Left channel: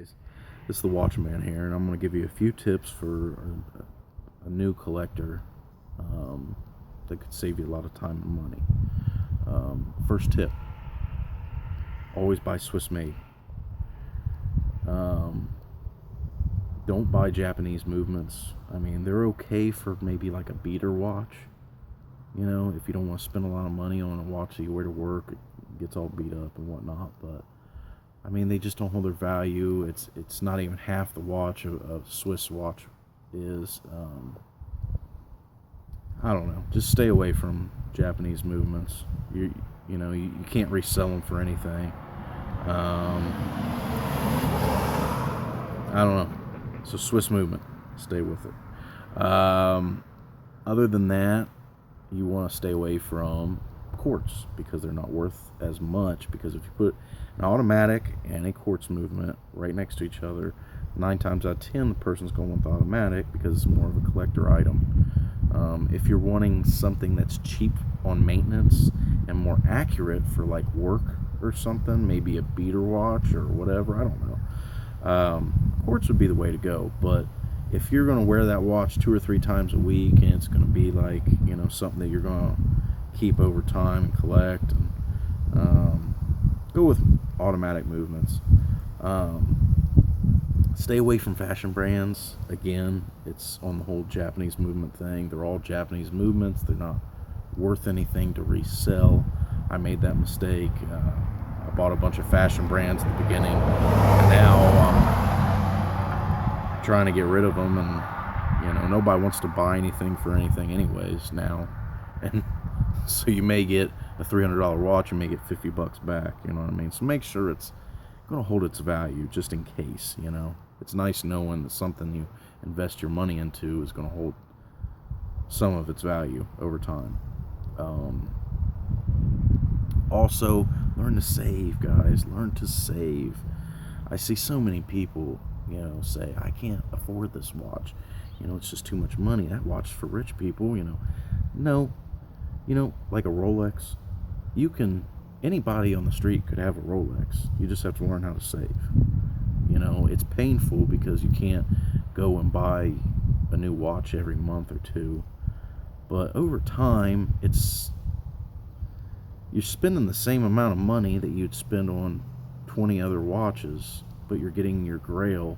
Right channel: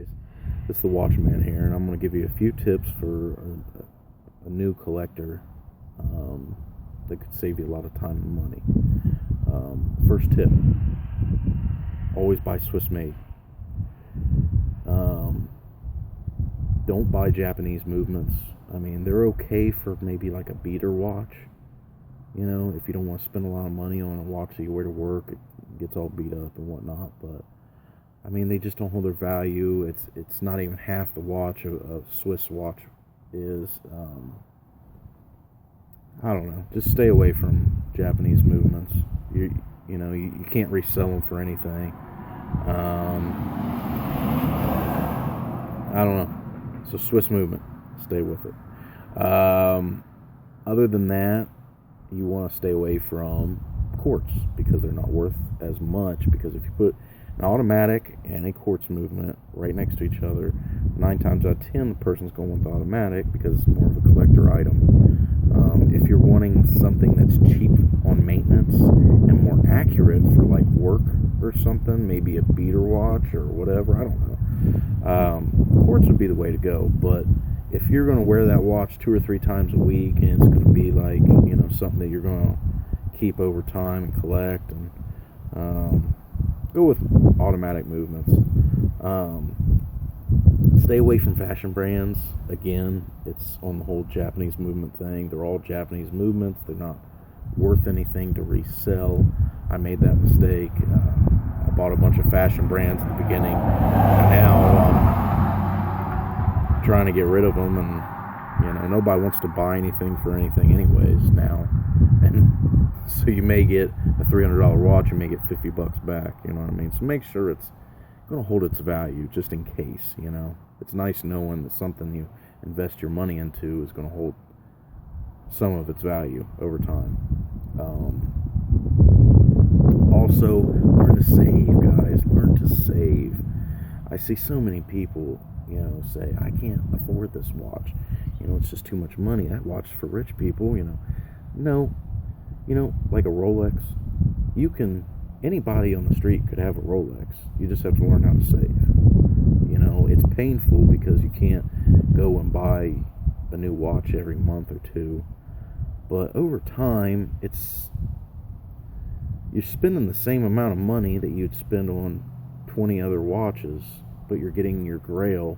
guys, this is the Watchman here, and I'm going to give you a few tips for a new collector that could save you a lot of time and money. First tip, always buy Swiss made. Don't buy Japanese movements. I mean, they're okay for maybe like a beater watch, you know, if you don't want to spend a lot of money on a watch that you wear to work, it gets all beat up and whatnot, but I mean, they just don't hold their value. It's not even half the watch a Swiss watch is. I don't know. Just stay away from Japanese movements. You can't resell them for anything. I don't know. So Swiss movement, stay with it. Other than that, you want to stay away from quartz because they're not worth as much, because if you put an automatic and a quartz movement right next to each other, 9 times out of 10 the person's going to want the automatic because it's more of a collector item. If you're wanting something that's cheap on maintenance and more accurate for like work or something, maybe a beater watch or whatever, I don't know, quartz would be the way to go. But if you're going to wear that watch 2 or 3 times a week and it's going to be like, you know, something that you're going to keep over time and collect, and go with automatic movements. Stay away from fashion brands. Again, it's on the whole Japanese movement thing. They're all Japanese movements. They're not worth anything to resell. I made that mistake. I bought a bunch of fashion brands at the beginning, and now I'm trying to get rid of them, and you know, nobody wants to buy anything for anything anyways now. And so you may get a $300 watch, you may get $50 back, you know what I mean? So make sure it's going to hold its value just in case, you know. It's nice knowing that something you invest your money into is going to hold some of its value over time. Also, learn to save, guys. Learn to save. I see so many people, you know, say, I can't afford this watch. You know, it's just too much money. That watch is for rich people, you know. No. You know, like a Rolex, anybody on the street could have a Rolex. You just have to learn how to save. You know, it's painful because you can't go and buy a new watch every month or two. But over time, you're spending the same amount of money that you'd spend on 20 other watches, but you're getting your Grail,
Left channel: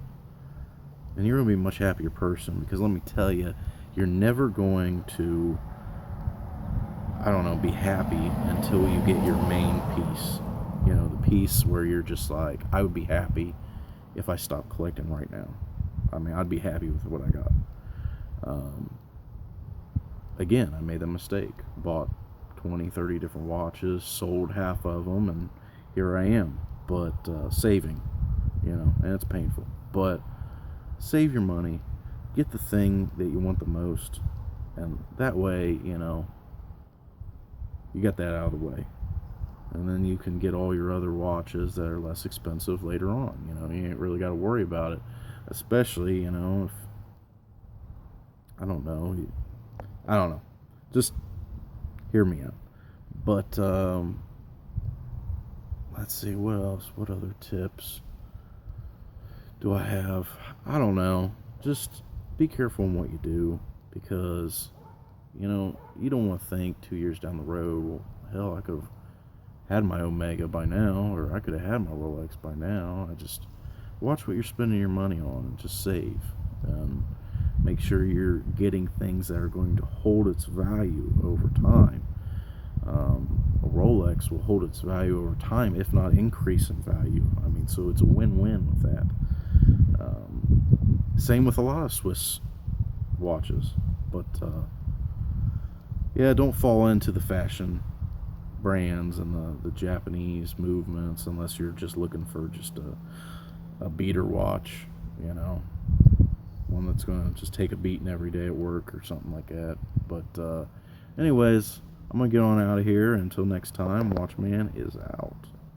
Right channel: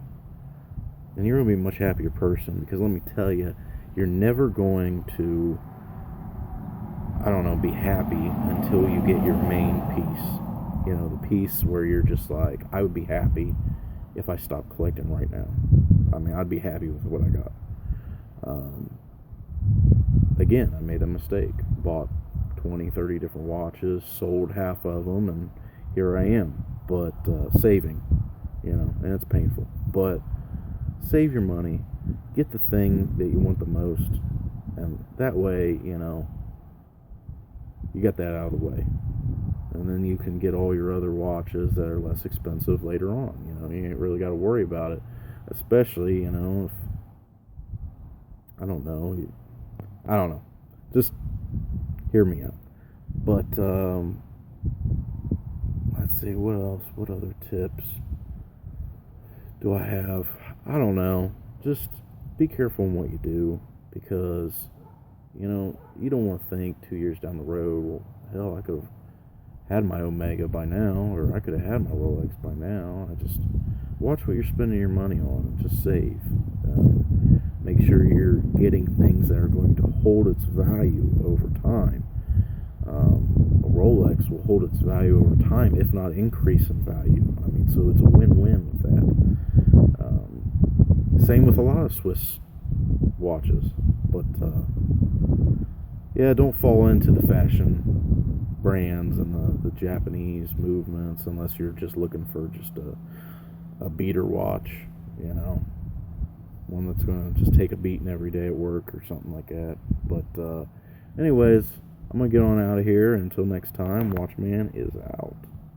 and you're going to be a much happier person, because let me tell you, you're never going to, I don't know, be happy until you get your main piece. You know, the piece where you're just like, I would be happy if I stopped collecting right now. I mean, I'd be happy with what I got. Again, I made a mistake. Bought 20, 30 different watches, sold half of them, and here I am. But saving, you know, and it's painful. But save your money. Get the thing that you want the most. And that way, you know, you got that out of the way, and then you can get all your other watches that are less expensive later on. You know, you ain't really got to worry about it, especially, you know, if I don't know, just hear me out. But let's see, what other tips do I have? I don't know, just be careful in what you do, because you know, you don't want to think 2 years down the road, well, hell, I could have had my Omega by now, or I could have had my Rolex by now. I just watch what you're spending your money on and just save. Make sure you're getting things that are going to hold its value over time. A Rolex will hold its value over time, if not increase in value. I mean, so it's a win-win with that. Same with a lot of Swiss watches, but yeah, don't fall into the fashion brands and the Japanese movements unless you're just looking for just a beater watch, you know, one that's going to just take a beating every day at work or something like that. But anyways, I'm going to get on out of here. Until next time, Watchman is out.